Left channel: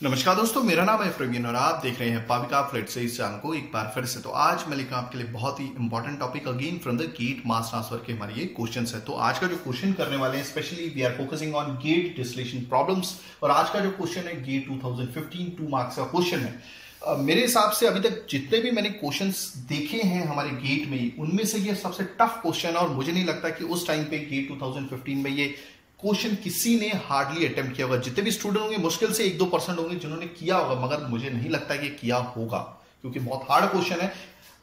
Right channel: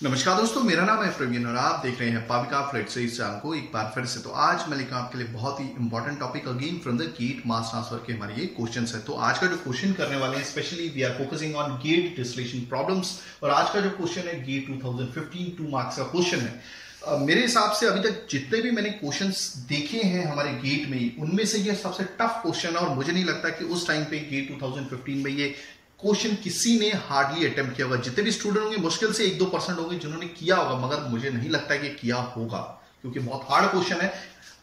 नमस्कार दोस्तों, मेरा नाम है प्रवीण और आप देख रहे हैं पाविका फ्लाइट से इस चैनल को एक बार फिर से। तो आज मैं लेकर आपके लिए बहुत ही important topic again from the GATE mass transfer के हमारे ये क्वेश्चंस है। तो आज का जो क्वेश्चन करने वाले हैं specially we are focusing on gate distillation problems और आज का जो क्वेश्चन है गेट 2015 2 मार्क्स का क्वेश्चन है। मेरे हिसाब से अभी तक जितने भी मैंने क्वेश्चंस देखे हैं हमारे गेट में उनमें से ये सबसे टफ क्वेश्चन है और मुझे नहीं लगता कि उस टाइम पे गेट 2015 में ये क्वेश्चन किसी ने हार्डली अटेम्प्ट किया होगा। जितने भी स्टूडेंट होंगे मुश्किल से 1-2% होंगे जिन्होंने किया होगा, मगर मुझे नहीं लगता कि किया होगा क्योंकि बहुत हार्ड क्वेश्चन है।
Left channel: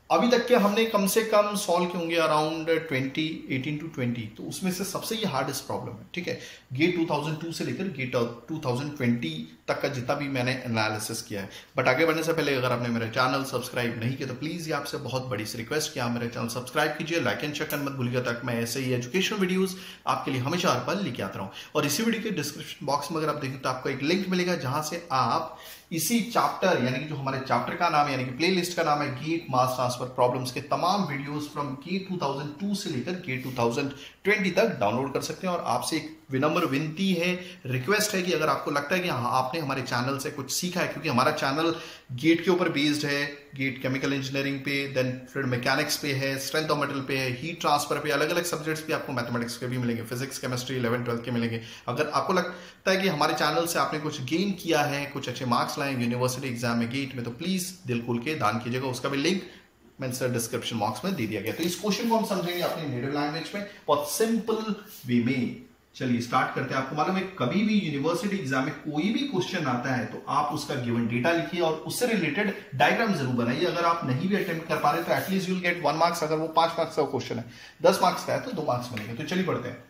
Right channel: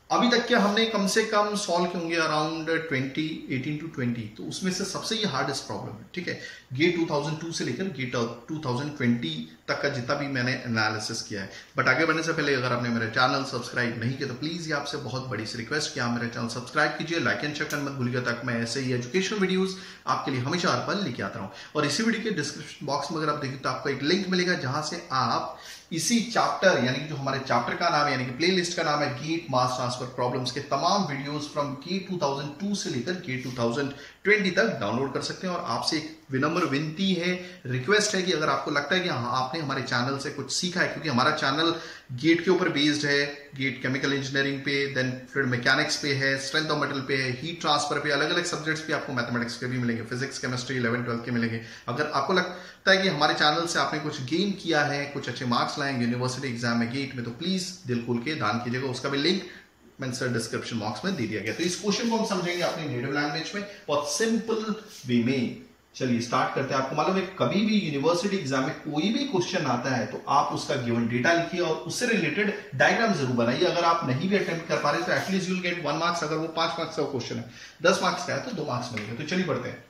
अभी तक के हमने कम से कम सॉल्व किए होंगे अराउंड 18 to 20, तो उसमें से सबसे ये हार्डेस्ट प्रॉब्लम है। ठीक है, गेट 2002 से लेकर गेट 2020 तक का जितना भी मैंने एनालिसिस किया है। बट आगे बढ़ने से पहले अगर आपने मेरा चैनल सब्सक्राइब नहीं किया तो प्लीज ये आपसे बहुत बड़ी सी रिक्वेस्ट कि आप मेरा चैनल सब्सक्राइब कीजिए, लाइक एंड शेयर करना मत भूलिएगा ताकि मैं ऐसे ही एजुकेशनल वीडियोस आपके लिए हमेशा हर पल लेके आता रहूं। और इसी वीडियो के डिस्क्रिप्शन बॉक्स में अगर आप देखें तो आपको एक लिंक मिलेगा जहां से आप इसी चैप्टर यानी कि जो हमारे चैप्टर का नाम है यानी कि प्लेलिस्ट का नाम है गेट मास ट्रांसफर प्रॉब्लम्स के तमाम वीडियोस फ्रॉम गेट 2002 से लेकर गेट 2020 तक डाउनलोड कर सकते हैं। और आपसे एक विनम्र विनती है, रिक्वेस्ट है कि अगर आपको लगता है कि हाँ आपने हमारे चैनल से कुछ सीखा है, क्योंकि हमारा चैनल गेट के ऊपर बेस्ड है, गेट केमिकल इंजीनियरिंग पे, देन फ्लूइड मैकेनिक्स पे है, स्ट्रेंथ ऑफ मेटल पे है, हीट ट्रांसफर पे, अलग अलग सब्जेक्ट्स पे आपको मैथमेटिक्स के भी मिलेंगे, फिजिक्स केमिस्ट्री 11-12 के मिलेंगे। अगर आपको लगता है कि हमारे चैनल से आपने कुछ गेन किया है, कुछ अच्छे मार्क्स लाए यूनिवर्सिटी एग्जाम में गेट में, तो प्लीज दिल खोल के दान कीजिएगा। उसका भी लिंक मैंने डिस्क्रिप्शन बॉक्स में दे दिया गया। तो इस क्वेश्चन को हम समझेंगे अपने नेटिव लैंग्वेज में बहुत सिंपल वे में। चलिए स्टार्ट करते हैं। आपको मालूम है कभी भी यूनिवर्सिटी एग्जाम में कोई भी क्वेश्चन आता है तो आप उसका गिवन डेटा लिखिए और उससे रिलेटेड डायग्राम जरूर बनाइए। अगर आप नहीं भी अटेम्प्ट कर पा रहे तो at least you will get 1 marks. अगर वो 5 मार्क्स का क्वेश्चन है, 10 मार्क्स का है तो 2 मार्क्स मिलेंगे। तो चलिए बढ़ते हैं।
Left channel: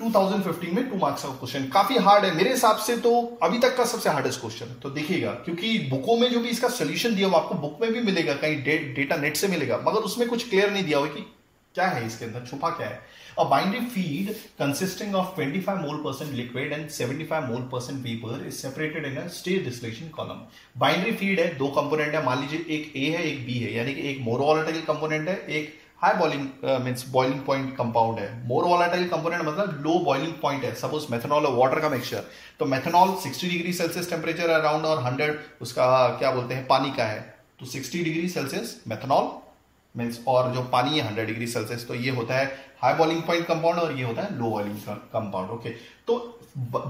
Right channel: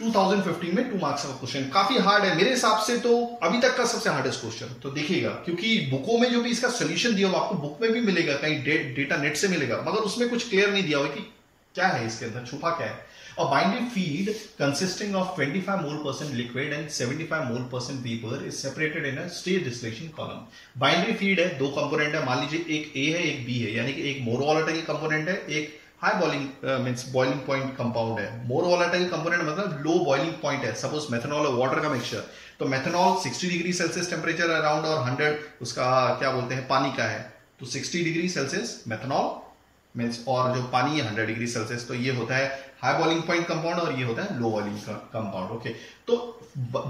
2015 में 2 मार्क्स का क्वेश्चन काफी हार्ड है मेरे हिसाब से, तो अभी तक का सबसे हार्डेस्ट क्वेश्चन। तो देखिएगा, क्योंकि बुकों में जो भी इसका सोल्यूशन दिया हुआ आपको बुक में भी मिलेगा, कहीं डेटा नेट से मिलेगा, मगर उसमें कुछ क्लियर नहीं दिया हुआ कि क्या है इसके अंदर, छुपा क्या है। A binary feed consisting of 25 mole% liquid and 75 mole% vapor is separated in a state distillation column. Binary feed है, दो कंपोनेंट है, मान लीजिए एक A है एक B है, यानी कि एक मोर वोलेटाइल कंपोनेंट है, एक high boiling means boiling point compound है। मोर वोलेटाइल कंपोनेंट मतलब लो बॉइलिंग पॉइंट है, सपोज मेथनॉल और वाटर का मिक्सचर। तो methanol 60 degree Celsius temperature around और 100 उसका क्या बोलते हैं पानी का है, तो 60 डिग्री सेल्सियस मेथनॉल मींस, और जो पानी है 100 डिग्री सेल्सियस। तो ये होता है हाई बॉइलिंग पॉइंट कंपाउंड और ये होता है लो बॉइलिंग कंपाउंड। ओके, तो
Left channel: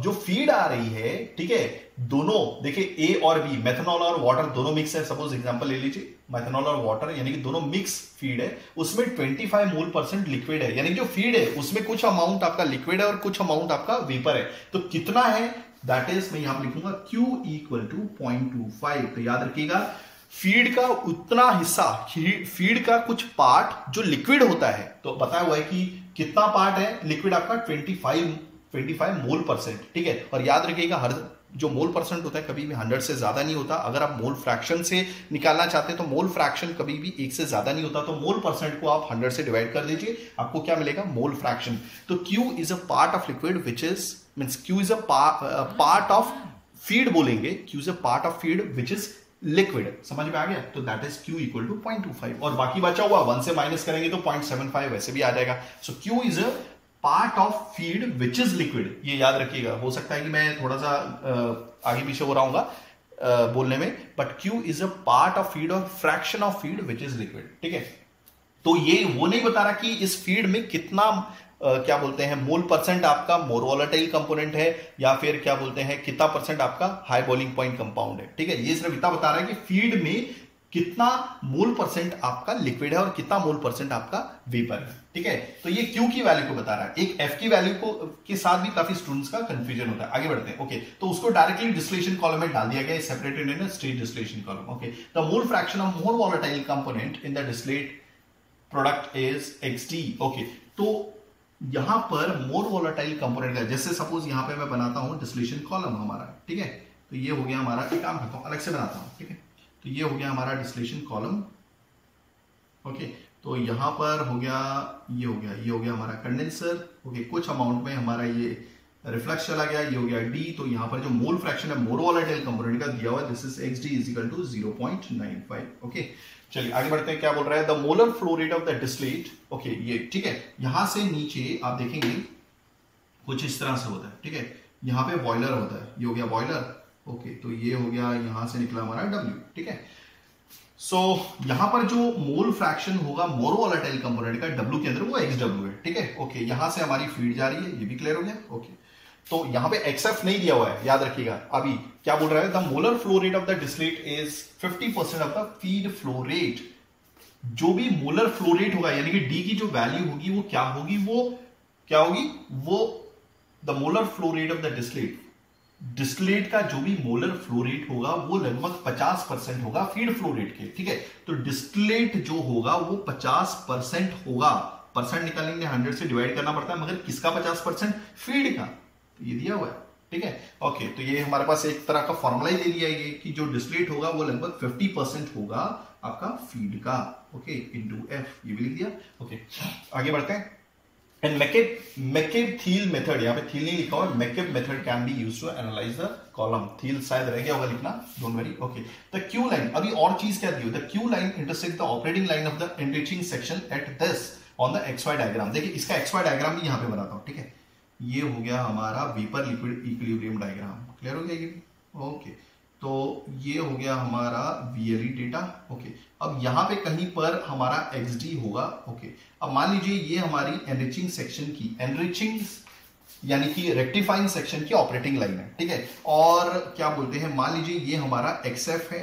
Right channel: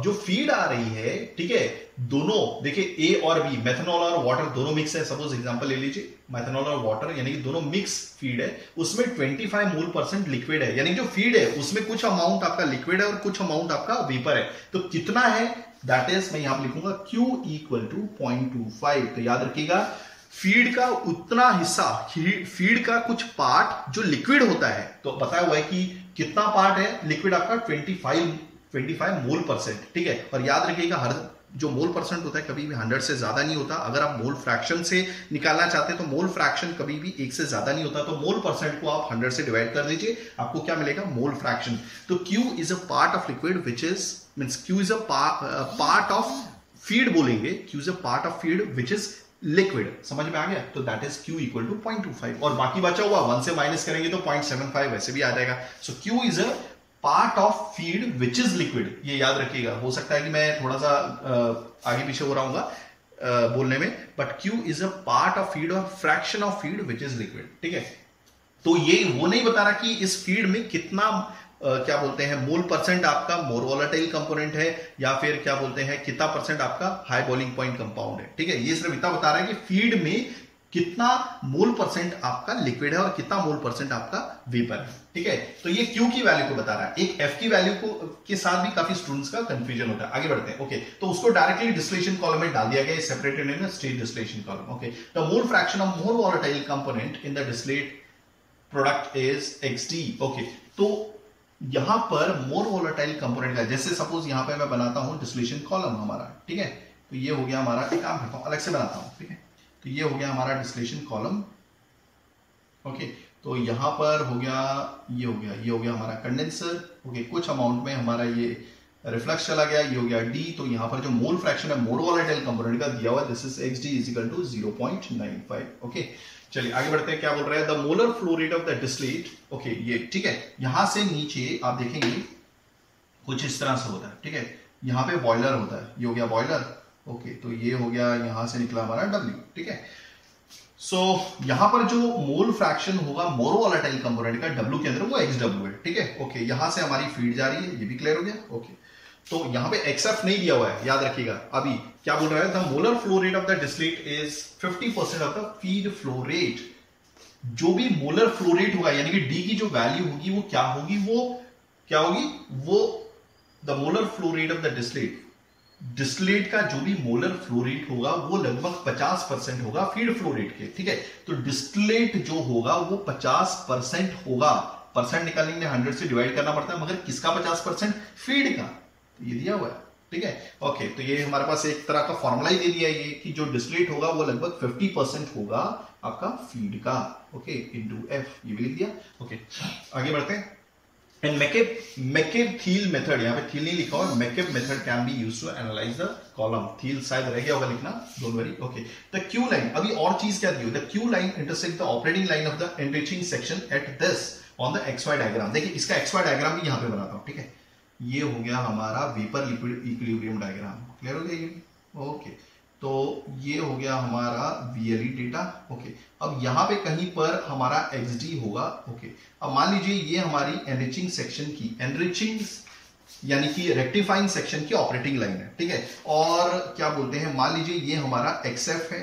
जो फीड आ रही है, ठीक है, दोनों देखिए ए और बी, मेथनॉल और वाटर दोनों मिक्स है। सपोज एग्जांपल ले लीजिए, मेथनॉल और वाटर यानी कि दोनों मिक्स फीड है, उसमें 25 मोल% लिक्विड है, यानी जो फीड है उसमें कुछ अमाउंट आपका लिक्विड है और कुछ अमाउंट आपका वेपर है। तो कितना है दैट इज मैं यहां पर लिखूंगा Q = 0.25। तो याद रखिएगा फीड का उतना हिस्सा, फीड का कुछ पार्ट जो लिक्विड होता है, तो बताया हुआ है कि कितना पार्ट है लिक्विड आपका 25 मोल%। ठीक है, और याद रखिएगा हर जो मोल परसेंट होता है कभी भी 100 से ज्यादा नहीं होता। अगर आप मोल फ्रैक्शन से निकालना चाहते हैं तो मोल फ्रैक्शन कभी भी 1 से ज्यादा नहीं होता। तो मोल परसेंट को आप 100 से डिवाइड कर दीजिए, आपको क्या मिलेगा, मोल फ्रैक्शन। तो Q is a part of liquid which is means Q is a part of feed बोलेंगे, Q is a part of feed which is liquid. समझ में आ गया? तो दैट इज Q = 0.25 और बाकी बचा हुआ 1 से माइनस करेंगे तो 0.75 वैसे भी आ जाएगा। सो Q is a part of feed which is liquid, ये याद रखिएगा। हो सकता है कि मैं थोड़ा सा आगे पीछे हो रहा हूँ बोलने में, but Q is a part of feed or fraction of feed which is liquid. ठीक है, तो ये वो नहीं बता रहा कि इस फीड में कितना क्या बोलते हैं मोल परसेंट आपका मोर वोलेटाइल कंपोनेंट है या फिर क्या बोलते हैं कितना परसेंट आपका हाई बॉइलिंग पॉइंट कंपाउंड है। ठीक है, ये सिर्फ इतना बता रहा है कि फीड में कितना मोल परसेंट आपका लिक्विड है और कितना मोल परसेंट आपका वेपर है। ठीक है, तो ये Q की वैल्यू को बता रहा है। एक F की वैल्यू को के साथ भी काफी स्टूडेंट्स का कंफ्यूजन होता है। आगे बढ़ते हैं। ओके, तो उसको डायरेक्टली डिस्टिलेशन कॉलम में डाल दिया गया, separated in state distillation column. Okay, the mole fraction of more volatile component in the distillate product is XD। Okay, तो यहां पर मोर वोलेटाइल कंपोनेंट का, जैसे सपोज यहां पे मैं बनाता हूं डिस्टिलेशन कॉलम हमारा, ठीक है, तो ये हो गया हमारा, एक काम करता हूं अलग से बनाता हूं, ठीक है, तो ये हो गया हमारा डिस्टिलेशन कॉलम। ओके, तो यहां पर हो गया, ये हो गया हमारा कंडेंसर। ओके, कुछ अमाउंट में हमारा ये रिफ्लक्स चला गया, ये हो गया D। तो यहां पर जो मोल फ्रैक्शन है मोर वोलेटाइल कंपोनेंट का दिया हुआ, दिस इज XD = 0.95। ओके, चलिए आगे बढ़ते हैं। क्या बोल रहा है, the molar flow rate of the distillate. Okay, ये ठीक है, यहां से नीचे आप देखेंगे कुछ इस तरह से होता है। ठीक है, यहां पे बॉयलर होता है, ये हो गया बॉयलर। ओके, तो ये हो गया, यहां से निकला हमारा W, ठीक है। सो यहां पर जो मोल फ्रैक्शन होगा मोरो वोलेटाइल कंपोनेंट का W के अंदर वो XW है, ठीक है। ओके, यहां से हमारी फीड जा रही है, ये भी क्लियर हो गया। ओके, तो यहां पे XF नहीं दिया हुआ है, याद रखिएगा। अभी क्या बोल रहा है, the molar flow rate of the distillate is 50% of the feed flow rate. जो भी मोलर फ्लो रेट होगा यानी कि D की जो वैल्यू होगी वो क्या होगी, वो the molar flow rate of the distillate का जो भी मोलर फ्लो रेट होगा वो लगभग 50% होगा फीड फ्लो रेट के, ठीक है। तो डिस्टिलेट जो होगा वो 50% होगा। परसेंट निकालने के लिए 100 से डिवाइड करना पड़ता है, मगर किसका 50%? फीड का। तो ये दिया हुआ है, ठीक है। ओके, तो ये हमारे पास एक तरह का फॉर्मूला ही दे दिया है कि जो डिस्टिलेट होगा वो लगभग 50% होगा आपका फीड का। ओके, इनटू F, ये भी लिख दिया। ओके, आगे बढ़ते हैं। And McCabe-Thiele method, यहाँ पे Thiele नहीं लिखा हुआ, McCabe method can be used to analyze the column. Thiele शायद रह गया होगा लिखना, don't worry. Okay, the Q line, अभी और चीज क्या दी हुई? The Q line intersect the operating line of the enriching section at this on the XY diagram. देखिए इसका XY diagram भी यहाँ पे बनाता हूँ, ठीक है। ये हो गया हमारा vapour liquid equilibrium diagram, clear हो गया ये? ओके, तो ये हो गया हमारा VLE डेटा। ओके, अब यहां पे कहीं पर हमारा XD होगा। ओके, अब मान लीजिए ये हमारी एनरिचिंग सेक्शन की, एनरिचिंग यानी कि रेक्टिफाइंग सेक्शन की ऑपरेटिंग लाइन है, ठीक है। और क्या बोलते हैं, मान लीजिए ये हमारा XF है,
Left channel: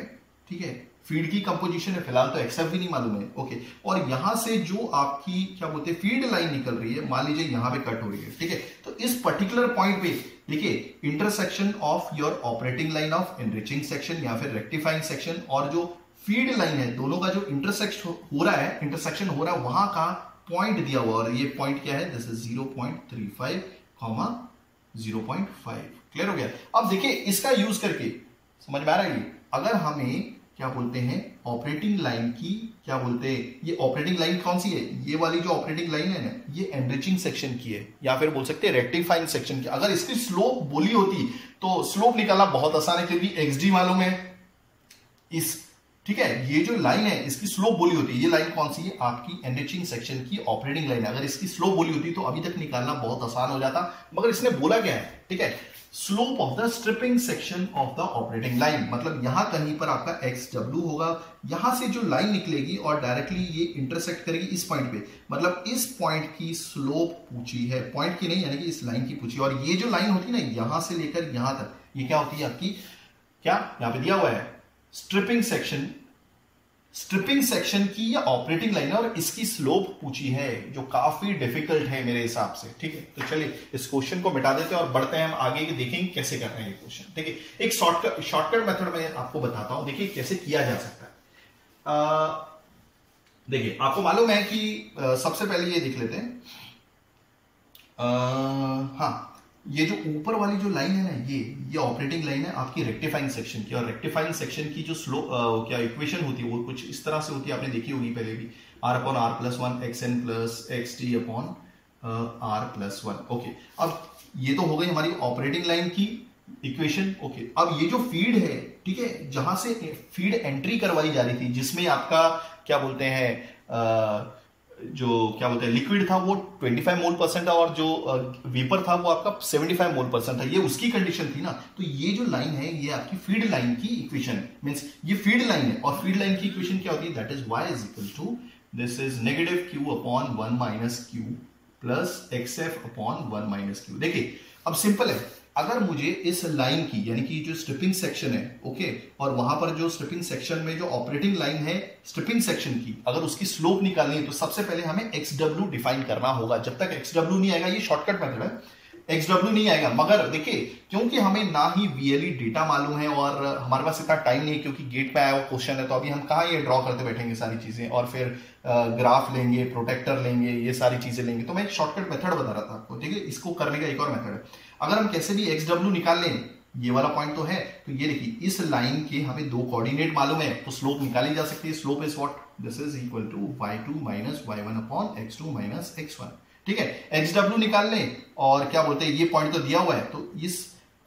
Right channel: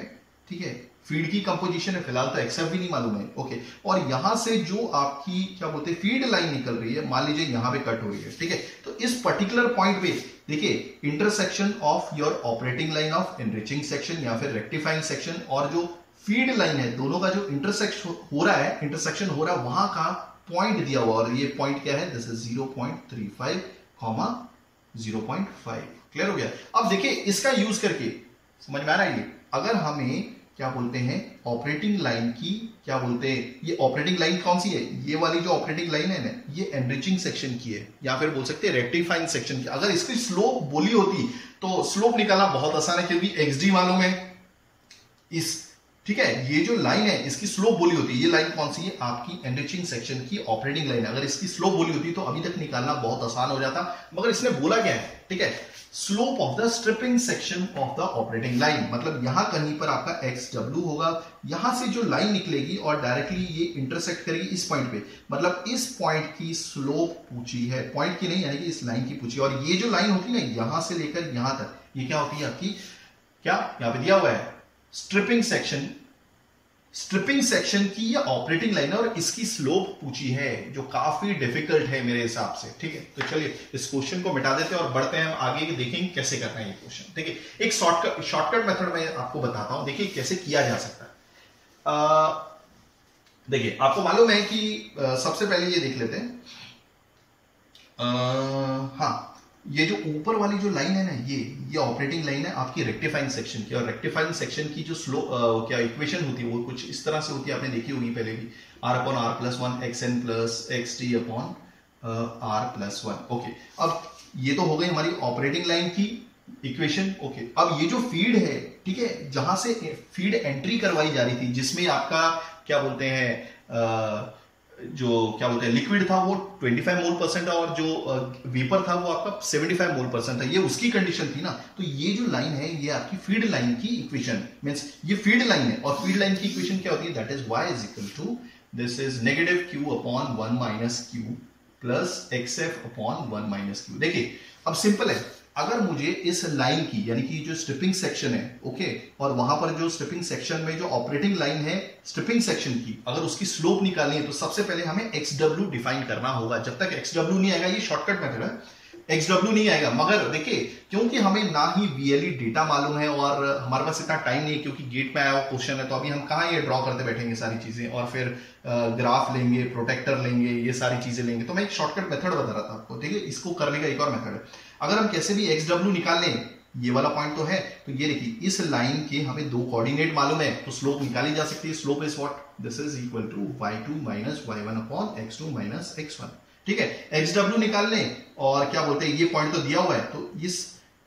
ठीक है। फीड की कंपोजिशन है, फिलहाल तो XF भी नहीं मालूम है। ओके, और यहां से जो आपकी क्या बोलते हैं फीड लाइन निकल रही है, मान लीजिए यहां पे कट हो रही है, ठीक है। तो इस पर्टिकुलर पॉइंट पे देखिए intersection of your operating line of enriching section या फिर रेक्टिफाइंग सेक्शन और जो फीड लाइन है, दोनों का जो इंटरसेक्शन हो रहा है वहां का पॉइंट दिया हुआ, और ये पॉइंट क्या है, दिस इज 0.35, 0.5, क्लियर हो गया। अब देखिए इसका यूज करके समझ में आ रहा है ये, अगर हमें क्या बोलते हैं ऑपरेटिंग लाइन की, क्या बोलते हैं ये ऑपरेटिंग लाइन कौन सी है, ये वाली जो ऑपरेटिंग लाइन है ना, ये एनरिचिंग सेक्शन की है या फिर बोल सकते हैं रेक्टिफाइंग सेक्शन की। अगर इसकी स्लोप बोली होती तो स्लोप निकालना बहुत आसान है, क्योंकि XD मालूम है इस, ठीक है। ये जो लाइन है इसकी स्लोप बोली होती है, ये लाइन कौन सी है, आपकी एनरिचिंग सेक्शन की ऑपरेटिंग लाइन। अगर इसकी स्लोप बोली होती तो अभी तक निकालना बहुत आसान हो जाता, मगर इसने बोला क्या है, ठीक है, slope of the stripping section of the operating line. मतलब यहां कहीं पर आपका XW होगा, यहां से जो लाइन निकलेगी और डायरेक्टली ये इंटरसेक्ट करेगी इस पॉइंट पे, मतलब इस पॉइंट की स्लोप पूछी है, पॉइंट की नहीं यानी कि इस लाइन की पूछी। और ये जो लाइन होती है ना यहां से लेकर यहां तक, ये क्या होती है आपकी, क्या यहां पे दिया हुआ है स्ट्रिपिंग सेक्शन की या ऑपरेटिंग लाइन है, और इसकी स्लोप पूछी है जो काफी डिफिकल्ट है मेरे हिसाब से, ठीक है। तो चलिए इस क्वेश्चन को मिटा देते हैं और बढ़ते हैं हम आगे, देखेंगे कैसे करना है ये क्वेश्चन, ठीक है। एक शॉर्टकट मेथड मैं आपको बताता हूं, देखिए कैसे किया जा सकता है। देखिए आपको मालूम है कि सबसे पहले ये देख लेते हैं, हाँ, ये जो ऊपर वाली जो लाइन है ना, ये ऑपरेटिंग लाइन है आपकी रेक्टिफाइंग सेक्शन की, और रेक्टिफाइंग सेक्शन की जो स्लो क्या इक्वेशन होती है वो कुछ इस तरह से होती है, आपने देखी होगी पहले भी, R/R+1 xn plus xd/R+1। Okay, अब ये तो हो गई हमारी ऑपरेटिंग लाइन की इक्वेशन। ओके, अब ये जो फीड है, ठीक है, जहां से फीड एंट्री करवाई जा रही थी, जिसमें आपका क्या बोलते हैं जो क्या बोलते हैं लिक्विड था वो 25 मोल % था, और जो वेपर था वो आपका 75 मोल % था, ये उसकी कंडीशन थी ना। तो ये जो लाइन है ये आपकी फीड लाइन की इक्वेशन, मींस ये फीड लाइन है, और फीड लाइन की इक्वेशन क्या होती है, that is y is equal to, this is -q/1 - q plus xf/1 - q। देखिए अब सिंपल है, अगर मुझे इस लाइन की यानी कि जो स्ट्रिपिंग सेक्शन है, ओके, और वहां पर जो स्ट्रिपिंग सेक्शन में जो ऑपरेटिंग लाइन है स्ट्रिपिंग सेक्शन की, अगर उसकी स्लोप निकालनी है तो सबसे पहले हमें XW डिफाइन करना होगा। जब तक XW नहीं आएगा, ये शॉर्टकट मेथड है, XW नहीं आएगा। मगर देखिए क्योंकि हमें ना ही VLE डेटा मालूम है और हमारे पास इतना टाइम नहीं है, क्योंकि गेट में आया हुआ क्वेश्चन है, तो अभी हम कहाँ ये ड्रॉ करते बैठेंगे सारी चीजें, और फिर ग्राफ लेंगे, प्रोटेक्टर लेंगे, ये सारी चीजें लेंगे। तो मैं एक शॉर्टकट मेथड बता रहा था आपको, देखिए इसको करने का एक और मेथड है। अगर हम कैसे भी XW निकाल लें, ये वाला पॉइंट तो है, तो ये देखिए इस लाइन के हमें दो कोऑर्डिनेट मालूम है, तो स्लोप निकाली जा सकती है। Slope is what, this is equal to y2 - y1/x2 - x1, ठीक है। XW निकाल लें, और क्या बोलते हैं ये पॉइंट तो दिया हुआ है, तो इस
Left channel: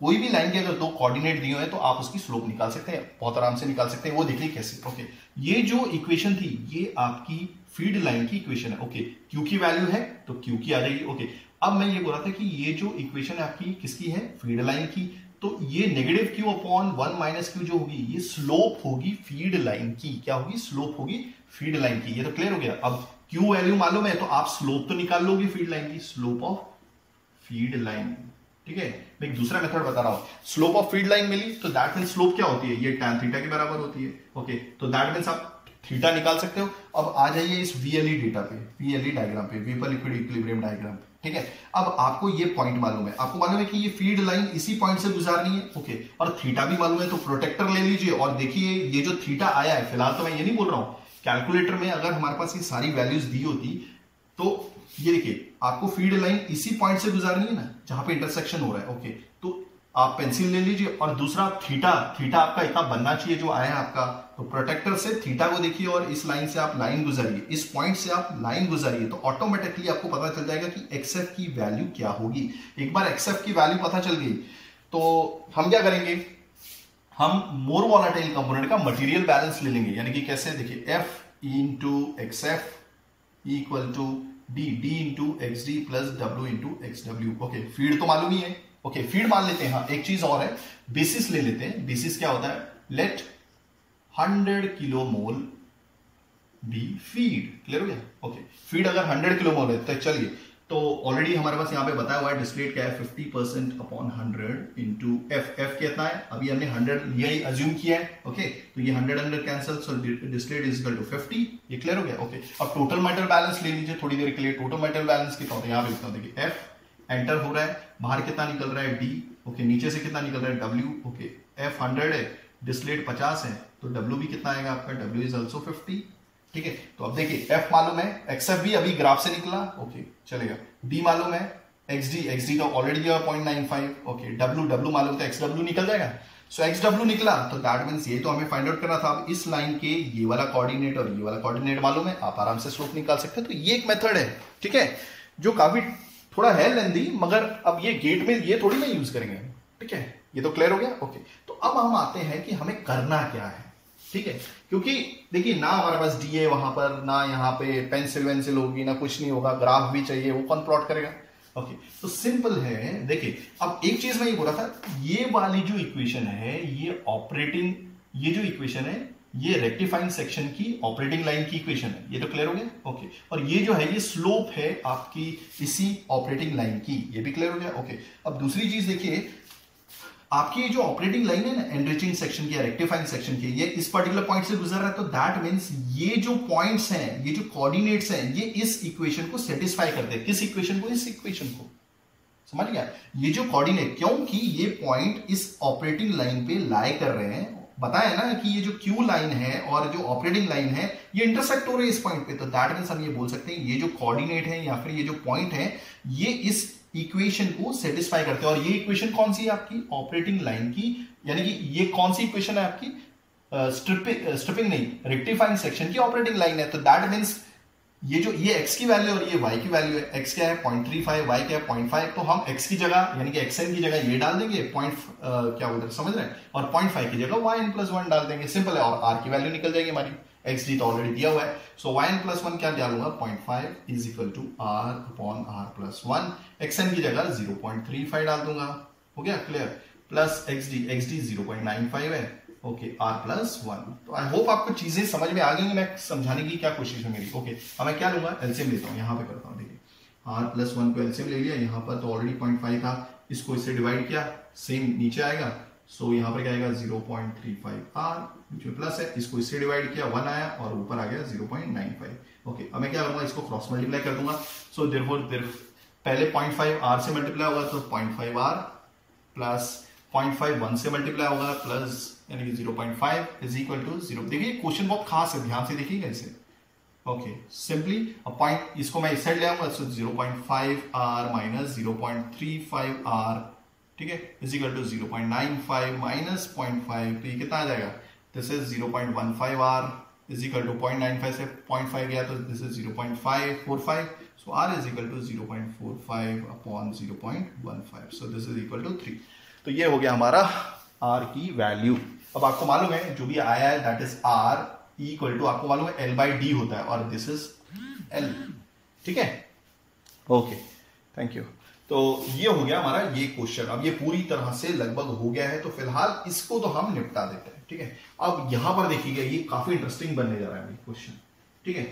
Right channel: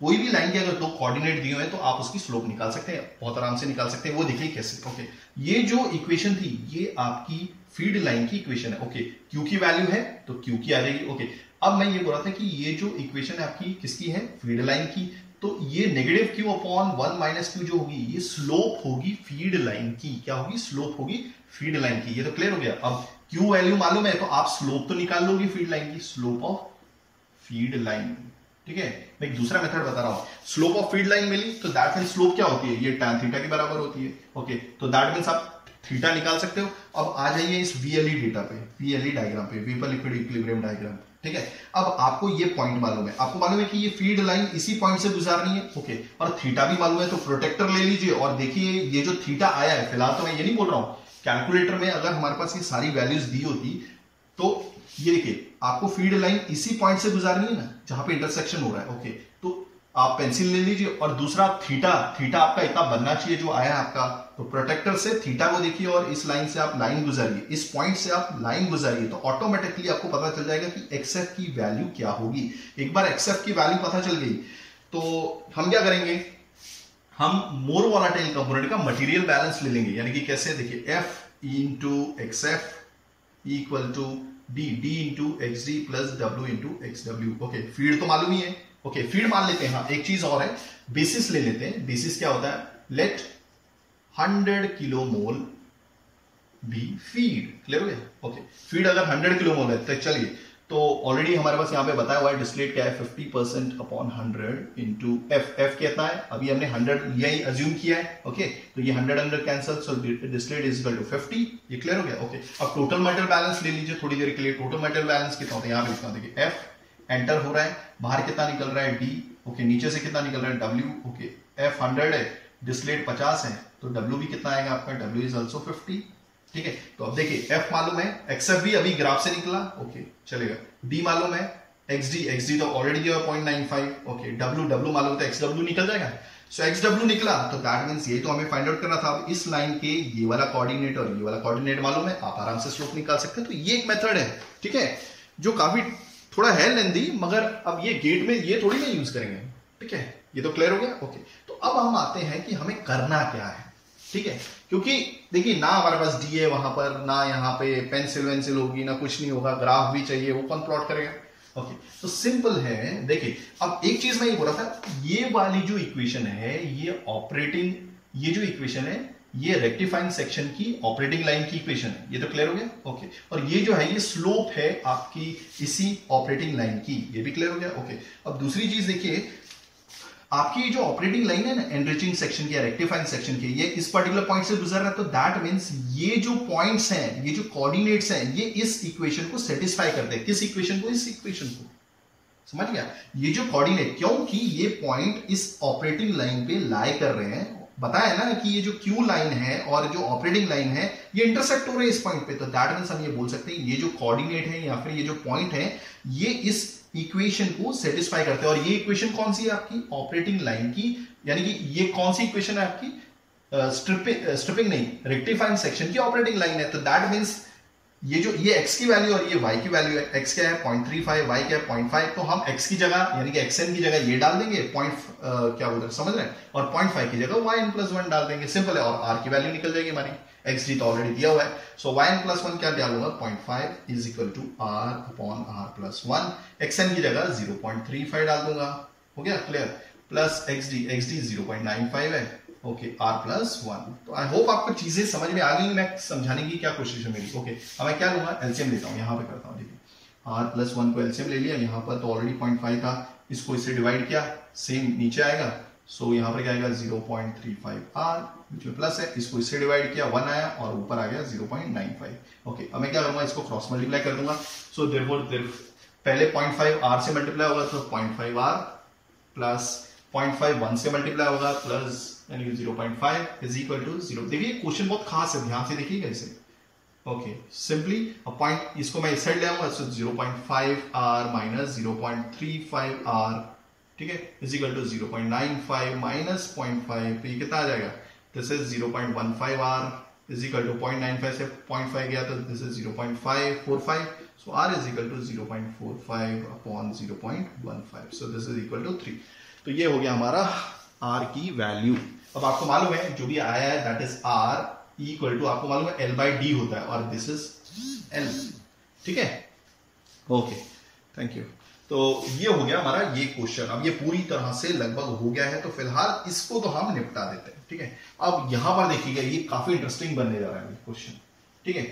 कोई भी लाइन के अगर दो कोऑर्डिनेट दिए हुए हैं तो आप उसकी स्लोप निकाल सकते हैं, बहुत आराम से निकाल सकते हैं। वो देखिए कैसे। ओके, ये जो इक्वेशन थी ये आपकी फीड लाइन की इक्वेशन है। ओके, Q की वैल्यू है तो Q की आ जाएगी। ओके, अब मैं ये बोल रहा था कि ये जो इक्वेशन है आपकी किसकी है, फीड लाइन की, तो ये negative Q upon 1 minus Q जो होगी ये स्लोप होगी फीड लाइन की। क्या होगी? स्लोप होगी फीड लाइन की। ये तो क्लियर हो गया। अब क्यू वैल्यू मालूम है तो आप स्लोप तो निकाल लोगे फीड लाइन की, स्लोप ऑफ फीड लाइन। ठीक है, मैं एक दूसरा मेथड बता रहा हूं। स्लोप ऑफ फीड लाइन मिली तो दैट मीन स्लोप क्या होती है? ये tan थीटा के बराबर होती है। ओके, तो दैट मीन्स आप थीटा निकाल सकते हो। अब आ जाइए इस VLE डेटा पे, VLE डायग्राम पे, वेपर लिक्विड इक्विलिब्रियम डायग्राम। ठीक है, अब आपको ये पॉइंट मालूम है, आपको मालूम है कि ये फीड लाइन इसी पॉइंट से गुजारनी है। ओके, और थीटा भी मालूम है, तो प्रोटेक्टर ले लीजिए और देखिए ये जो थीटा आया है, फिलहाल तो मैं ये नहीं बोल रहा हूं, कैलकुलेटर में अगर हमारे पास ये सारी वैल्यूज दी होती तो ये देखिए आपको फीड लाइन इसी पॉइंट से गुजारनी है ना, जहां पे इंटरसेक्शन हो रहा है। ओके, तो आप पेंसिल ले लीजिए और दूसरा थीटा आपका इतना बनना चाहिए जो आया आपका, तो प्रोटेक्टर से थीटा को देखिए और इस लाइन से आप लाइन गुजारिए, इस पॉइंट से आप लाइन गुजारिए, तो ऑटोमेटिकली आपको पता चल जाएगा कि XF की वैल्यू क्या होगी। एक बार XF की वैल्यू पता चल गई तो हम क्या करेंगे, हम मोर वोलाटाइल कंपोनेंट का मटेरियल बैलेंस ले लेंगे। यानी कि कैसे? देखिए F into XF equal to D into XD plus W into XW। Okay, feed तो मालूम ही है। ओके, फीड मान लेते हैं। हाँ, एक चीज और है, बेसिस ले लेते हैं। बेसिस क्या होता है? Let 100 kilo mole be feed. Clear हो गया? ओके, फीड अगर 100 किलो मोल है तो चलिए, तो ऑलरेडी हमारे पास यहाँ पे बताया हुआ है डिस्टिलेट क्या है, 50% अपॉन 100 इंटू एफ कितना है, अभी हमने 100 लिया ही अज्यूम किया है। ओके, तो ये 100 cancel, so distillate is equal to 50। ये क्लियर हो गया? ओके, अब टोटल मटेरियल बैलेंस ले लीजिए थोड़ी देर के लिए। टोटल मटेरियल बैलेंस कितना होता है यहाँ पे लिखता हूँ, देखिए एफ एंटर हो रहा है, बाहर कितना निकल रहा है D। ओके, नीचे से कितना निकल रहा है W। ओके, F 100 है, डिस्टिलेट 50 है, तो W भी कितना आएगा आपका, W इज ऑल्सो 50। ठीक है, तो अब देखिए F मालूम है, XF भी अभी ग्राफ से निकला। ओके, चलेगा। D मालूम है, XD तो ऑलरेडी दिया 0.95। ओके, W मालूम है, XW निकल जाएगा। सो XW निकला तो दैट मींस ये तो हमें फाइंड आउट करना था। अब इस लाइन के ये वाला कोऑर्डिनेट और ये वाला कोऑर्डिनेट मालूम है, आप आराम से स्लोप निकाल सकते हैं। तो ये एक मेथड है, ठीक है, जो काफी थोड़ा है लेंदी, मगर अब ये गेट में ये थोड़ी ना यूज करेंगे। ठीक है, ये तो क्लियर हो गया। ओके, तो अब हम आते हैं कि हमें करना क्या है। ठीक है, क्योंकि देखिए ना हमारे पास D है वहां पर, ना यहाँ पे पेंसिल वेंसिल होगी, ना कुछ नहीं होगा, ग्राफ भी चाहिए, वो कौन प्लॉट करेगा। ओके, तो सिंपल है। देखिए अब एक चीज मैं ये बोल रहा था, ये वाली जो इक्वेशन है, ये ऑपरेटिंग, ये जो इक्वेशन है ये रेक्टिफाइंग सेक्शन की ऑपरेटिंग लाइन की इक्वेशन है। ये तो क्लियर हो गया। ओके, और ये जो है ये स्लोप है आपकी इसी ऑपरेटिंग लाइन की। ये भी क्लियर हो गया। ओके, अब दूसरी चीज देखिए, आपकी जो ऑपरेटिंग लाइन है ना, एनरिचिंग सेक्शन की, रेक्टिफाइंग सेक्शन की, ये इस पर्टिकुलर पॉइंट से गुजर रहा है, तो दैट मींस ये जो पॉइंट्स हैं, ये जो कोऑर्डिनेट्स हैं, ये इस इक्वेशन को सेटिस्फाई करते हैं। किस इक्वेशन को? इस इक्वेशन को। समझ गया? ये जो कोऑर्डिनेट, क्योंकि ये पॉइंट इस ऑपरेटिंग लाइन पे लाई कर रहे हैं, बताया ना कि ये जो क्यू लाइन है और जो ऑपरेटिंग लाइन है ये इंटरसेक्ट हो रहे हैं इस पॉइंट पे, तो दैट मींस हम ये बोल सकते हैं ये जो कोऑर्डिनेट है या फिर ये जो पॉइंट है ये इस इक्वेशन को सेटिस्फाई करते हैं। और ये इक्वेशन कौन सी है आपकी? ऑपरेटिंग लाइन की। यानी कि ये कौन सी इक्वेशन है आपकी? स्ट्रिपिंग नहीं, रेक्टिफाइंग सेक्शन की ऑपरेटिंग लाइन है। तो दैट मींस ये x की वैल्यू और ये y की वैल्यू है। x क्या है 0.35, y क्या है 0.5, तो हम x की जगह यानी कि xn की जगह ये डाल देंगे, क्या बोलते हैं, समझ रहे हैं, और 0.5 की जगह yn+1 डाल देंगे। सिंपल है, और r की वैल्यू निकल जाएगी हमारी। xd तो ऑलरेडी दिया हुआ है, सो yn+1 क्या डालूंगा, 0.5 is equal to r upon r+1। xn की जगह 0.35 डाल दूंगा। हो गया क्लियर? प्लस xd 0.95 है। Okay, r+1। तो आई होप आपको चीजें समझ में आ गई, मैं समझाने की क्या कोशिश है मेरी। ओके, अब मैं क्या लूंगा, एलसीएम लेता हूं, यहां पे करता हूं। देखिए r+1 को एलसीएम ले लिया, यहां पर तो ऑलरेडी 0.5 था, इसको इससे डिवाइड किया, सेम नीचे आएगा, सो यहां पर क्या आएगा 0.35 r, बीच में प्लस है, इसको इससे डिवाइड किया 1 आया और ऊपर आ गया 0.95। ओके, अब मैं क्या करूंगा, इसको क्रॉस मल्टीप्लाई कर दूंगा। सो देयरफॉर पहले 0.5 r से मल्टीप्लाई होगा तो 0.5 r प्लस 0.5 1 से मल्टीप्लाई होगा प्लस यानी कि 0.5 इज इक्वल टू 0। देखिए क्वेश्चन बहुत खास है, ध्यान से देखिएगा इसे। ओके, सिंपली अब पॉइंट इसको मैं इस साइड ले आऊंगा, सो 0.5 r माइनस 0.35 r, ठीक है, इज इक्वल टू 0.95 माइनस 0.5, तो ये कितना आ जाएगा, this is 0.15 r is equal to 0.95 से 0.5 गया तो this is 0.545, so r is equal to 0.45 upon 0.15, so this is equal to 3। तो ये हो गया हमारा r की वैल्यू। अब आपको मालूम है जो भी आया है that is r equal to, आपको मालूम है L/D होता है और दिस इज L। ठीक है, ओके, थैंक यू। तो ये हो गया हमारा ये क्वेश्चन। अब ये पूरी तरह से लगभग हो गया है, तो फिलहाल इसको तो हम निपटा देते हैं, ठीक है। अब यहां पर देखिएगा, ये काफी इंटरेस्टिंग बनने जा रहा है क्वेश्चन, ठीक है।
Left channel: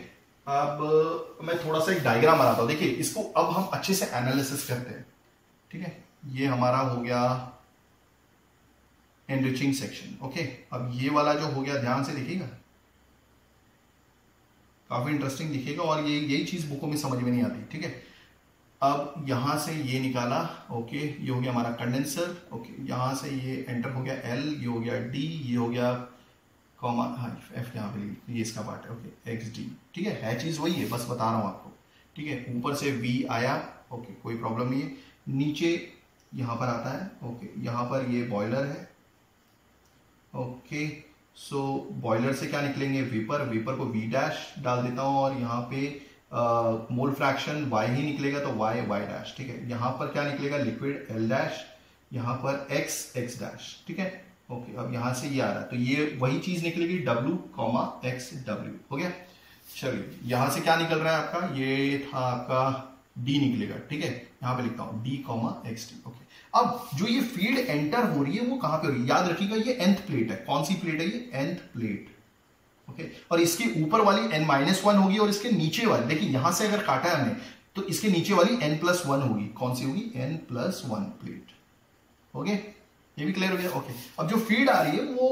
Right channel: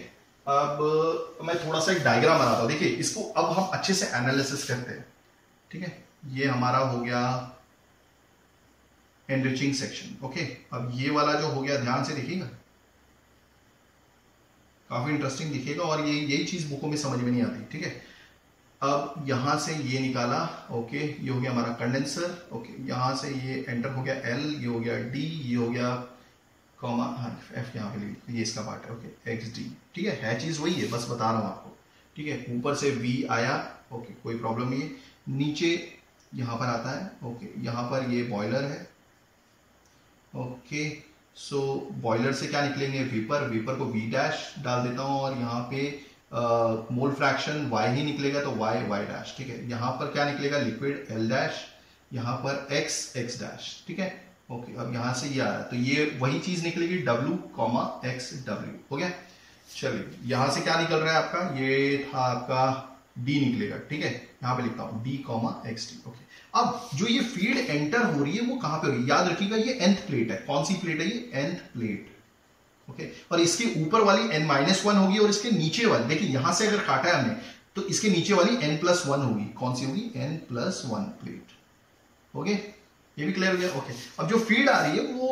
अब मैं थोड़ा सा एक डायग्राम बनाता हूं, देखिए इसको अब हम अच्छे से एनालिसिस करते हैं, ठीक है। ये हमारा हो गया एनरिचिंग सेक्शन, ओके। अब ये वाला जो हो गया, ध्यान से देखिएगा, काफी इंटरेस्टिंग दिखेगा और ये यही चीज बुकों में समझ में नहीं आती, ठीक है। अब यहां से ये निकाला, ओके, ये हो गया हमारा कंडेंसर, ओके। यहां से ये एंटर हो गया एल, ये हो गया डी, ये हो गया कॉमा, हाँ एफ यहाँ पे, ये इसका पार्ट है, ओके, एक्स डी, ठीक है चीज वही है, बस बता रहा हूं आपको, ठीक है। ऊपर से वी आया, ओके, कोई प्रॉब्लम नहीं है। नीचे यहां पर आता है, ओके, यहां पर ये बॉयलर है, ओके। सो बॉयलर से क्या निकलेंगे, वेपर, वेपर को वी डैश डाल देता हूं और यहाँ पे मोल फ्रैक्शन y ही निकलेगा, तो y y डैश, ठीक है। यहां पर क्या निकलेगा, लिक्विड l डैश, यहां पर x x डैश, ठीक है, ओके। अब यहां से ये आ रहा है, तो ये वही चीज निकलेगी w, x w, हो गया। चलिए यहां से क्या निकल रहा है आपका, ये था आपका d निकलेगा, ठीक है। यहां पे लिखता हूं d, x d, ओके। अब जो ये फीड एंटर हो रही है वो कहां पे हो रही है, याद रखिएगा ये nth प्लेट है। कौन सी प्लेट है ये, nth प्लेट, ओके। और इसके ऊपर वाली n-1 होगी और इसके नीचे वाली, देखिए यहां से अगर काटा है हमने तो इसके नीचे वाली n+1 होगी। कौन सी होगी, n+1 प्लेट, ओके। ये भी क्लियर हो गया, ओके। अब जो फीड आ रही है वो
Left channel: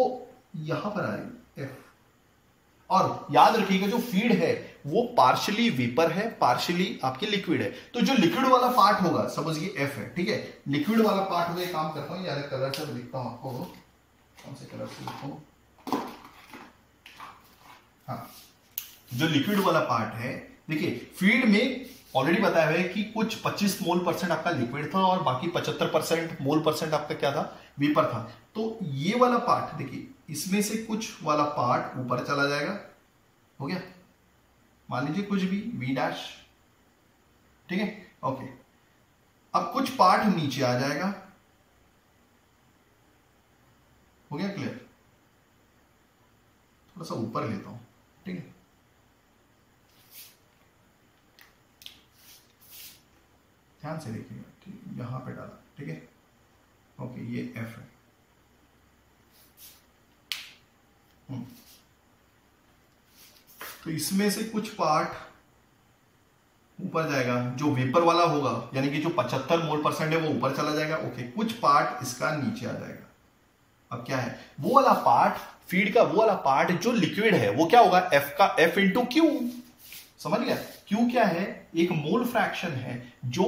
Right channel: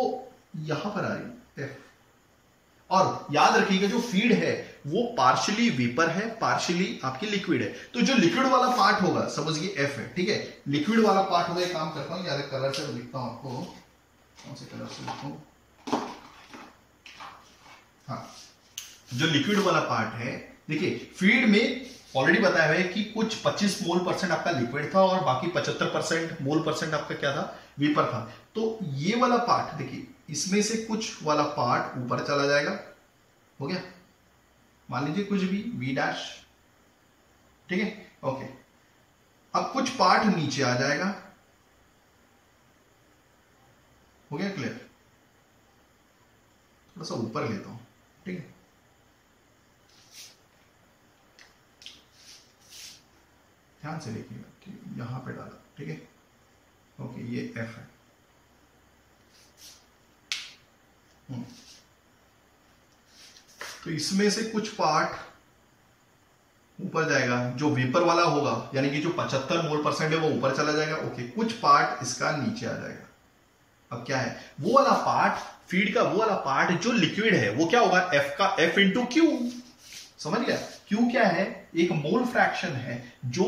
यहां पर आ रही है, F। और याद रखिएगा जो फीड है वो पार्शियली वेपर है, पार्शियली आपकी लिक्विड है। तो जो लिक्विड वाला पार्ट होगा, सपोज ये F है, ठीक है, लिक्विड वाला पार्ट होगा। एक काम करता हूं, यार कलर से लिखता हूं आपको, कौन से कलर से लिखूं, हाँ, जो लिक्विड वाला पार्ट है, देखिए फीड में ऑलरेडी बताया है कि कुछ 25 मोल % आपका लिक्विड था और बाकी 75% मोल % आपका क्या था, वेपर था। तो ये वाला पार्ट देखिए, इसमें से कुछ वाला पार्ट ऊपर चला जाएगा, हो गया, मान लीजिए कुछ भी v डैश, ठीक है, ओके। अब कुछ पार्ट नीचे आ जाएगा, हो गया क्लियर। थोड़ा सा ऊपर लेता हूं, ठीक है, ध्यान से देखिएगा, ठीक है, यहां पे डाला, ठीक है, ओके। ये F है, तो इसमें से कुछ पार्ट ऊपर जाएगा, जो वेपर वाला होगा, यानी कि जो 75 मोल % है वो ऊपर चला जाएगा, ओके। कुछ पार्ट इसका नीचे आ जाएगा। अब क्या है, वो वाला पार्ट, फीड का वो वाला पार्ट जो लिक्विड है वो क्या होगा, F का F इंटू क्यू, समझ गया। क्यू क्या है, एक मोल फ्रैक्शन है, जो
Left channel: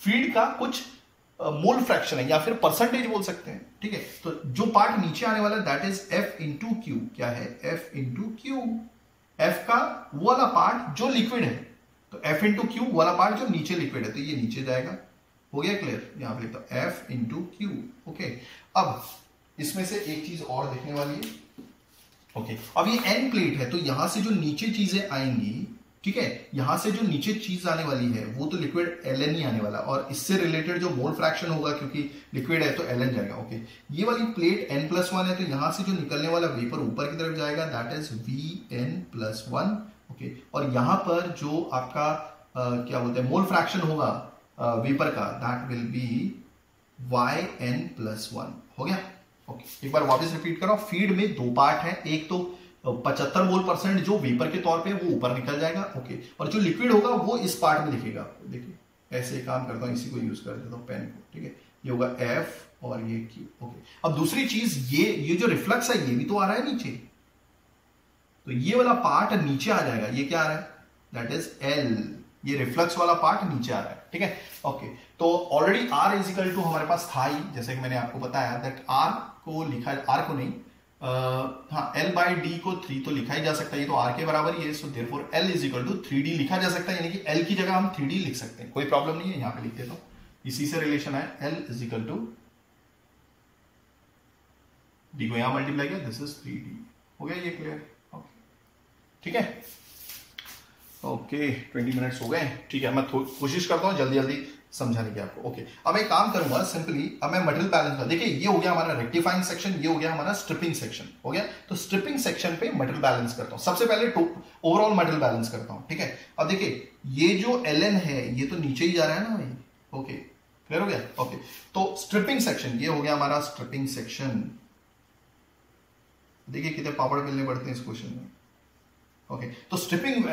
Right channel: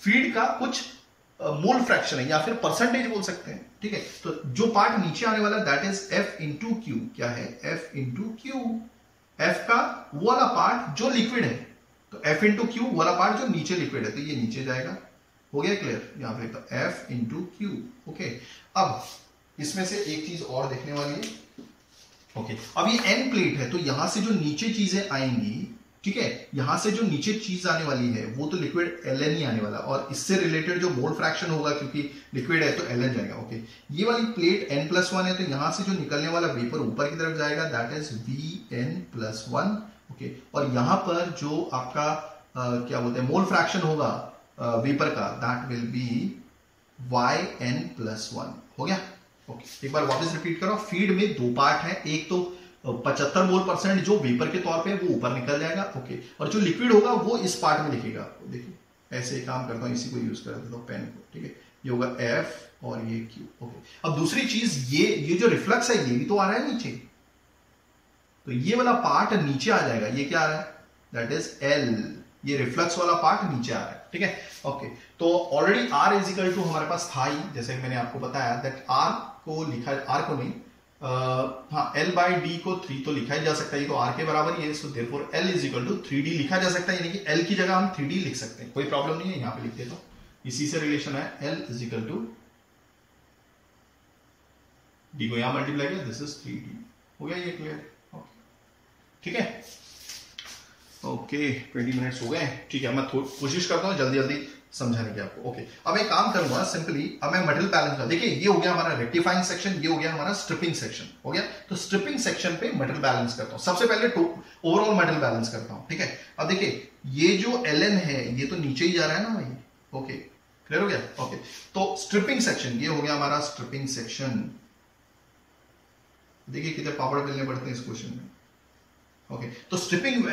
फीड का कुछ मोल फ्रैक्शन है या फिर परसेंटेज बोल सकते हैं, ठीक है। तो जो पार्ट नीचे आने वाला that is F into Q, क्या है, F इंटू क्यू। F का वो वाला पार्ट जो लिक्विड है, तो F इंटू क्यू वाला पार्ट जो नीचे लिक्विड है, तो ये नीचे जाएगा, हो गया क्लियर। यहां पे तो F इंटू क्यू, ओके। अब इसमें से एक चीज और देखने वाली है, ओके। अब ये n प्लेट है, तो यहां से जो नीचे चीजें आएंगी, ठीक है, यहां से जो नीचे चीज आने वाली है वो तो लिक्विड ln ही आने वाला, और इससे रिलेटेड जो मोल फ्रैक्शन होगा, क्योंकि लिक्विड है तो ln जाएगा, ओके। ये वाली प्लेट n+1 है, तो यहां से जो निकलने वाला वेपर ऊपर की तरफ जाएगा, दैट इज Vn+1, ओके। और यहां पर जो आपका क्या बोलते हैं मोल फ्रैक्शन होगा वेपर का, दैट विल बी Yn+1, हो गया, ओके। एक बार वापस रिपीट करो, फीड में दो पार्ट है, एक तो 75 मोल % जो वेपर के तौर पे वो ऊपर निकल जाएगा, ओके। और जो लिक्विड होगा वो इस पार्ट में लिखेगा, देखिए ऐसे काम करता हूं, इसी को यूज कर देता हूं, पेन को, ठीक है। ये होगा F और ये Q, ओके। अब दूसरी चीज, ये जो रिफ्लक्स है ये भी तो आ रहा है नीचे, तो ये वाला पार्ट नीचे आ जाएगा, ये क्या आ रहा है, दैट इज L, ये रिफ्लक्स वाला पार्ट नीचे आ रहा है, ठीक है, ओके। तो ऑलरेडी R इजिकल टू हमारे पास था ही, जैसे कि मैंने आपको बताया, दैट R को लिखा, R को नहीं, हाँ, L/D को 3 तो लिखा ही जा सकता है, ये तो R के बराबर ही है, so therefore L is equal to 3D लिखा जा सकता है, यानी कि L की जगह हम 3D लिख सकते हैं, कोई प्रॉब्लम नहीं है, यहां पे लिख देता हूं, इसी से रिलेशन है, L is equal to D को यहां मल्टीप्लाई किया, दिस इज 3D, हो गया ये क्लियर, ओके, ठीक है, ओके। 20 मिनट्स हो गए, ठीक है। मैं कोशिश करता हूं जल्दी जल्दी समझाने की आपको, ओके। अब मैं काम करूंगा सिंपली, अब मैं मटेरियल बैलेंस कर, देखिए ये हो गया हमारा रेक्टिफाइंग सेक्शन, ये हो गया हमारा स्ट्रिपिंग सेक्शन, हो गया। तो स्ट्रिपिंग सेक्शन पे मटेरियल बैलेंस करता हूं, सबसे पहले ओवरऑल मटेरियल बैलेंस करता हूं, ठीक है। अब देखिए ये जो Ln है ये तो नीचे ही जा रहा है ना भाई, ओके क्लियर हो गया। ओके तो स्ट्रिपिंग सेक्शन ये हो गया हमारा स्ट्रिपिंग सेक्शन। देखिए कितने पापड़ मिलने पड़ते हैं इस क्वेश्चन में। ओके तो स्ट्रिपिंग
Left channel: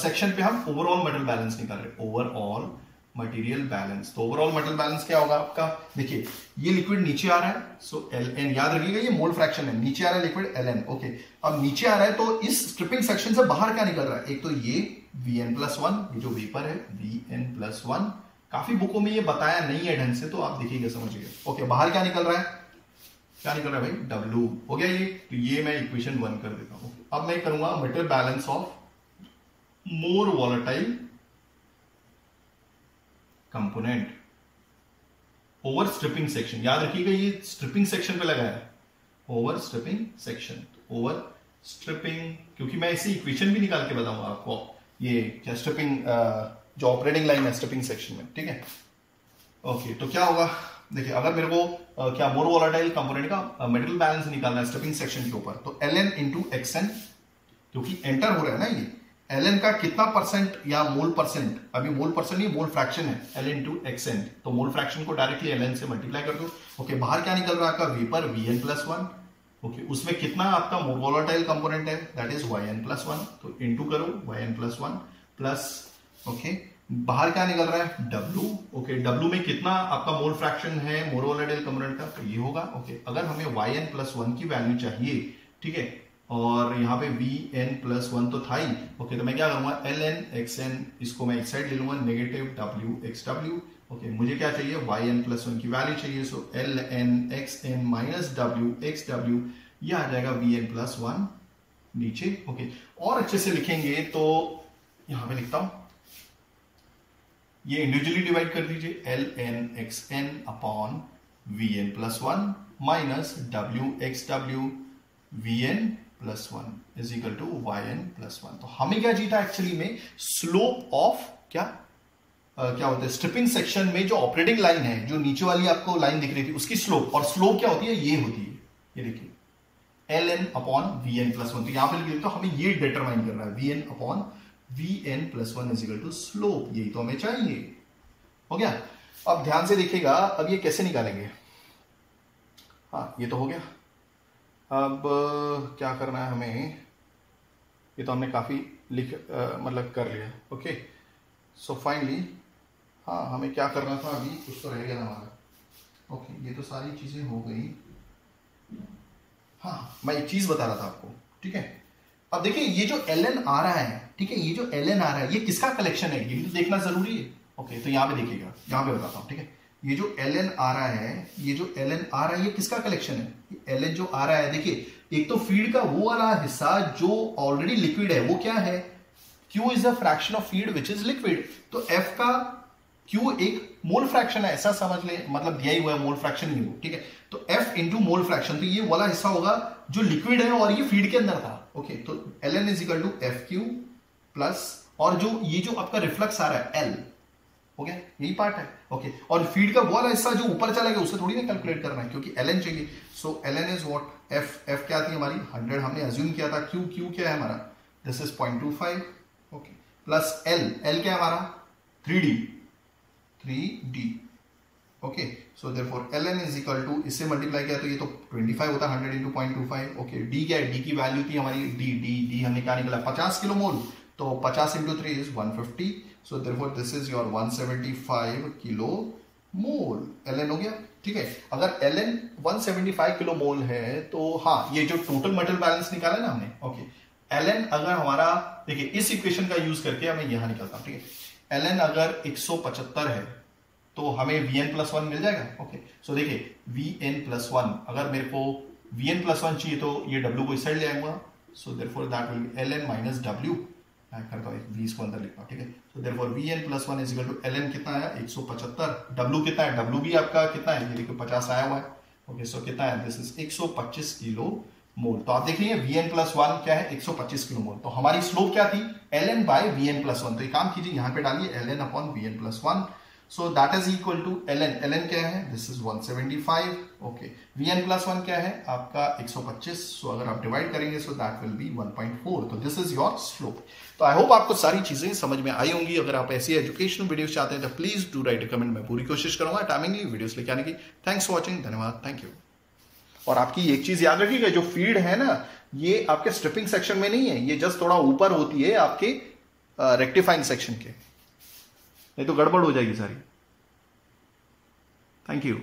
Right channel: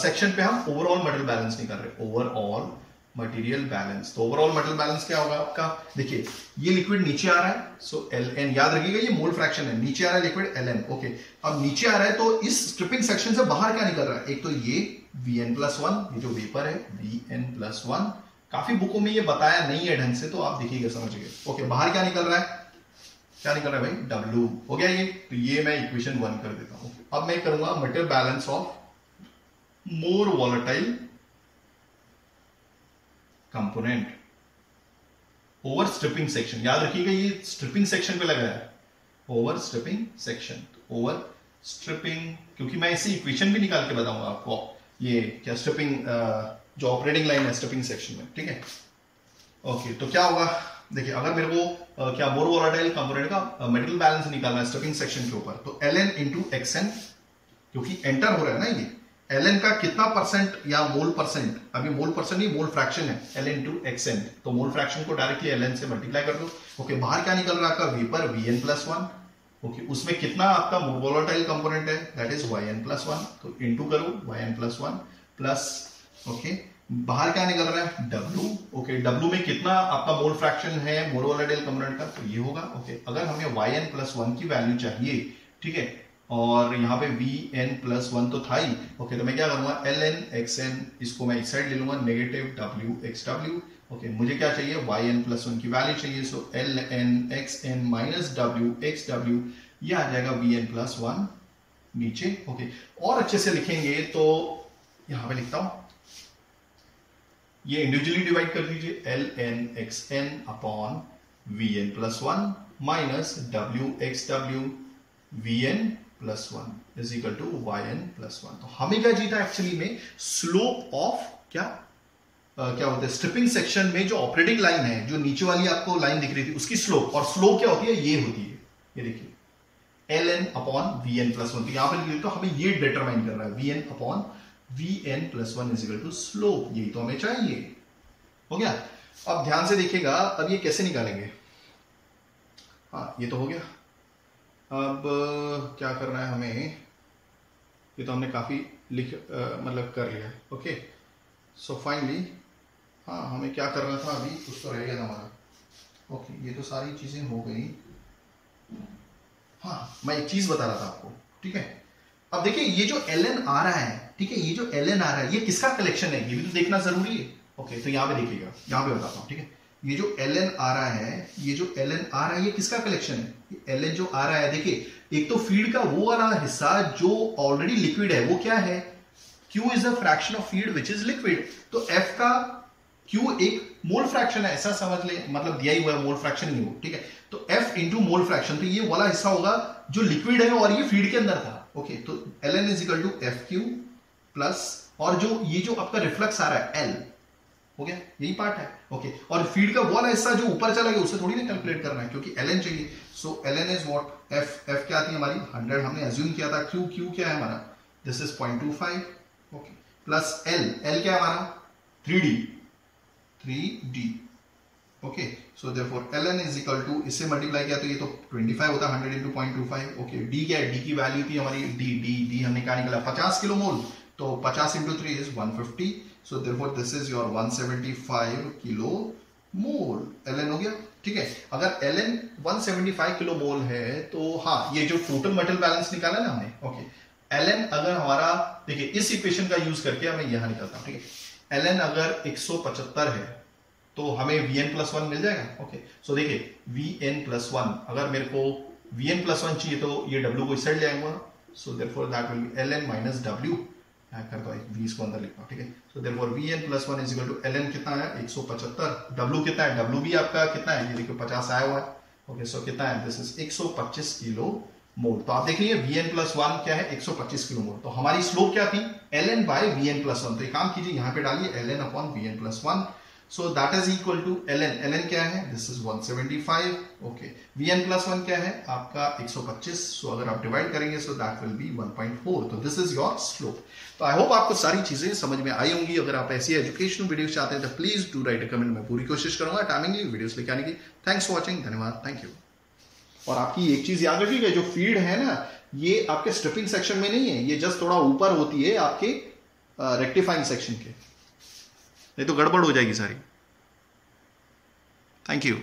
सेक्शन पे हम ओवरऑल मटेरियल बैलेंस निकाल रहे हैं, ओवरऑल मटेरियल बैलेंस। तो ओवरऑल मटेरियल बैलेंस क्या होगा आपका, देखिए ये लिक्विड नीचे आ रहा है, सो Ln याद रखिएगा ये मोल फ्रैक्शन है, नीचे आ रहा है लिक्विड Ln। ओके अब नीचे आ रहा है तो इस स्ट्रिपिंग सेक्शन से बाहर क्या निकल रहा है, एक तो ये Vn+1 ये जो वेपर है Vn+1, काफी बुकों में ये बताया नहीं है ढंग से तो आप देखिएगा समझिए। ओके बाहर क्या निकल रहा है, क्या निकल रहा है भाई W हो गया ये, तो ये मैं इक्वेशन 1 कर देता हूं। अब मैं करूंगा material balance of more volatile component over stripping section. याद रखिएगा ये स्ट्रिपिंग सेक्शन पे लगा है, over stripping section, over stripping, क्योंकि मैं इसे इक्वेशन भी निकाल के बताऊंगा आपको, ये क्या स्ट्रिपिंग जो ऑपरेटिंग लाइन है स्ट्रिपिंग सेक्शन में, ठीक है। ओके तो क्या होगा, देखिए अगर मेरे को क्या मोर वॉलेटाइल कंपोनेंट का मटेरियल बैलेंस निकालना है स्ट्रिपिंग सेक्शन के ऊपर, तो Ln इंटू xn, क्योंकि एंटर हो रहा है ना ये, Ln का कितना परसेंट या मोल परसेंट, अभी मोल परसेंट नहीं मोल फ्रैक्शन है, Ln इंटू xn, तो मोल फ्रैक्शन को डायरेक्टली Ln से मल्टीप्लाई कर दो। ओके बाहर क्या निकल रहा है आपका वेपर Vn+1, ओके उसमें कितना आपका मोर वॉलेटाइल कंपोनेंट है, दैट इज Yn+1, तो इंटू करो Yn+1 प्लस, ओके बाहर क्या निकल रहा है W, ओके W में कितना आपका मोल फ्रैक्शन है मोर वॉलेटाइल कंपोनेंट का, तो ये होगा। ओके अगर हमें Yn+1 की वैल्यू चाहिए, ठीक है, और यहाँ पे Vn+1 तो था ही, ओके तो मैं क्या करूंगा Ln xn, इसको मैं एक साइड ले लूंगा नेगेटिव WxW, ओके मुझे क्या चाहिए Yn+1 की वैल्यू चाहिए, सो Ln xn माइनस WxW, ये आ जाएगा Vn+1 नीचे। ओके और अच्छे से लिखेंगे तो यहां पे लिखता हूं, ये इंडिविजुअली डिवाइड कर दीजिए, Ln xn अपॉन Vn+1 minus WxW Vn+1 is equal to Yn+1। तो हमें क्या जीता एक्चुअली में, स्लोप ऑफ क्या होता है स्ट्रिपिंग सेक्शन में जो ऑपरेटिंग लाइन है, जो नीचे वाली आपको लाइन दिख रही थी उसकी स्लोप, और स्लोप क्या होती है ये होती है, ये देखिए Ln अपॉन Vn+1, तो यहां पर तो हमें ये डिटरमाइन कर रहा है Vn upon Vn+1 is equal to slope, यही तो हमें चाहिए। हो गया, अब ध्यान से देखिएगा अब ये कैसे निकालेंगे, हाँ ये तो हो गया। अब क्या करना है हमें, ये तो हमने काफी मतलब कर लिया। ओके सो फाइनली हाँ हमें क्या करना था, अभी कुछ तो रह गया था हमारा। ओके ये तो सारी चीजें हो गई। हाँ मैं एक चीज बता रहा था आपको, ठीक है। अब देखिए ये जो Ln आ रहा है, ठीक है, ये जो Ln आ रहा है ये किसका कलेक्शन है, ये भी तो देखना जरूरी है। ओके तो यहां पे देखिएगा, यहां पे बताता हूं, ठीक है। ये जो Ln आ रहा है, ये जो Ln आ रहा है ये किसका कलेक्शन है, ये Ln जो आ रहा है, देखिए एक तो फीड का वो वाला हिस्सा जो ऑलरेडी लिक्विड है वो क्या है, Q is the fraction of feed which is liquid, तो F का Q एक मोल फ्रैक्शन है ऐसा समझ ले, मतलब दिया ही हुआ है मोल फ्रैक्शन ही हो, ठीक है। तो F इंटू मोल फ्रैक्शन, तो ये वाला हिस्सा होगा जो लिक्विड है और ये फीड के अंदर था। ओके तो Ln is equal to FQ plus, और जो ये जो आपका रिफ्लक्स आ रहा है L, हो गया यही पार्ट है। ओके और फीड का वो वाला हिस्सा जो ऊपर चला गया उसे थोड़ी ना कैलकुलेट करना है क्योंकि Ln चाहिए। सो Ln इज व्हाट, F क्या थी हमारी 100, हमने अज्यूम किया था। Q क्या है हमारा, this is 0.25, okay plus L क्या है हमारा 3D, okay so therefore Ln is equal to, इससे मल्टीप्लाई किया तो ये तो 25 होता है 100 into 0.25। ओके D क्या है, D की वैल्यू थी हमारी D हमने क्या निकाला 50 किलो मोल, तो 50 into 3 is 150, so therefore this is your 175 kilo mole. Ln हो गया, ठीक है। अगर Ln 175 किलो मोल है तो हाँ ये जो टोटल मटेरियल बैलेंस निकाला ना हमने, ओके Ln अगर हमारा, देखिए इस इक्वेशन का यूज करके हमें यहां निकालता हूं, ठीक है। Ln अगर 175 है तो हमें Vn+1 मिल जाएगा। ओके सो देखिए Vn+1, अगर मेरे को Vn+1 चाहिए तो ये W को इस साइड ले आऊंगा, so therefore that will be Ln minus W, मैं करता हूं V इसको अंदर लिखता हूं, ठीक है। So therefore Vn+1 is equal to Ln कितना है 175, W कितना है, W भी आपका कितना है, ये देखिए 50 आया हुआ है। ओके सो कितना है, दिस इज 125 किलो मोल। तो आप देखिए Vn+1 क्या है 125 किलो मोल, तो हमारी स्लोप क्या थी Ln बाय Vn+1, तो एक काम कीजिए यहां पे डालिए Ln upon Vn+1, so that is equal to ln क्या है, दिस इज 175. ओके, vn+1 क्या है आपका 125. सो अगर आप डिवाइड करेंगे सो दैट विल बी 1.4. तो दिस इज योर स्लोप. तो आई होप आपको सारी चीजें समझ में आई होंगी. अगर आप ऐसी एजुकेशनल वीडियोस चाहते हैं तो please do right a comment. मैं पूरी कोशिश करूंगा टाइमिंगली वीडियोस लेके आने की. थैंक्स फॉर वॉचिंग, धन्यवाद, थैंक यू. और आपकी एक चीज याद रखिएगा, जो फीड है ना ये आपके स्ट्रिपिंग सेक्शन में नहीं है, ये जस्ट थोड़ा ऊपर होती है आपके रेक्टिफाइंग सेक्शन के, नहीं तो गड़बड़ हो जाएगी सारी. Thank you.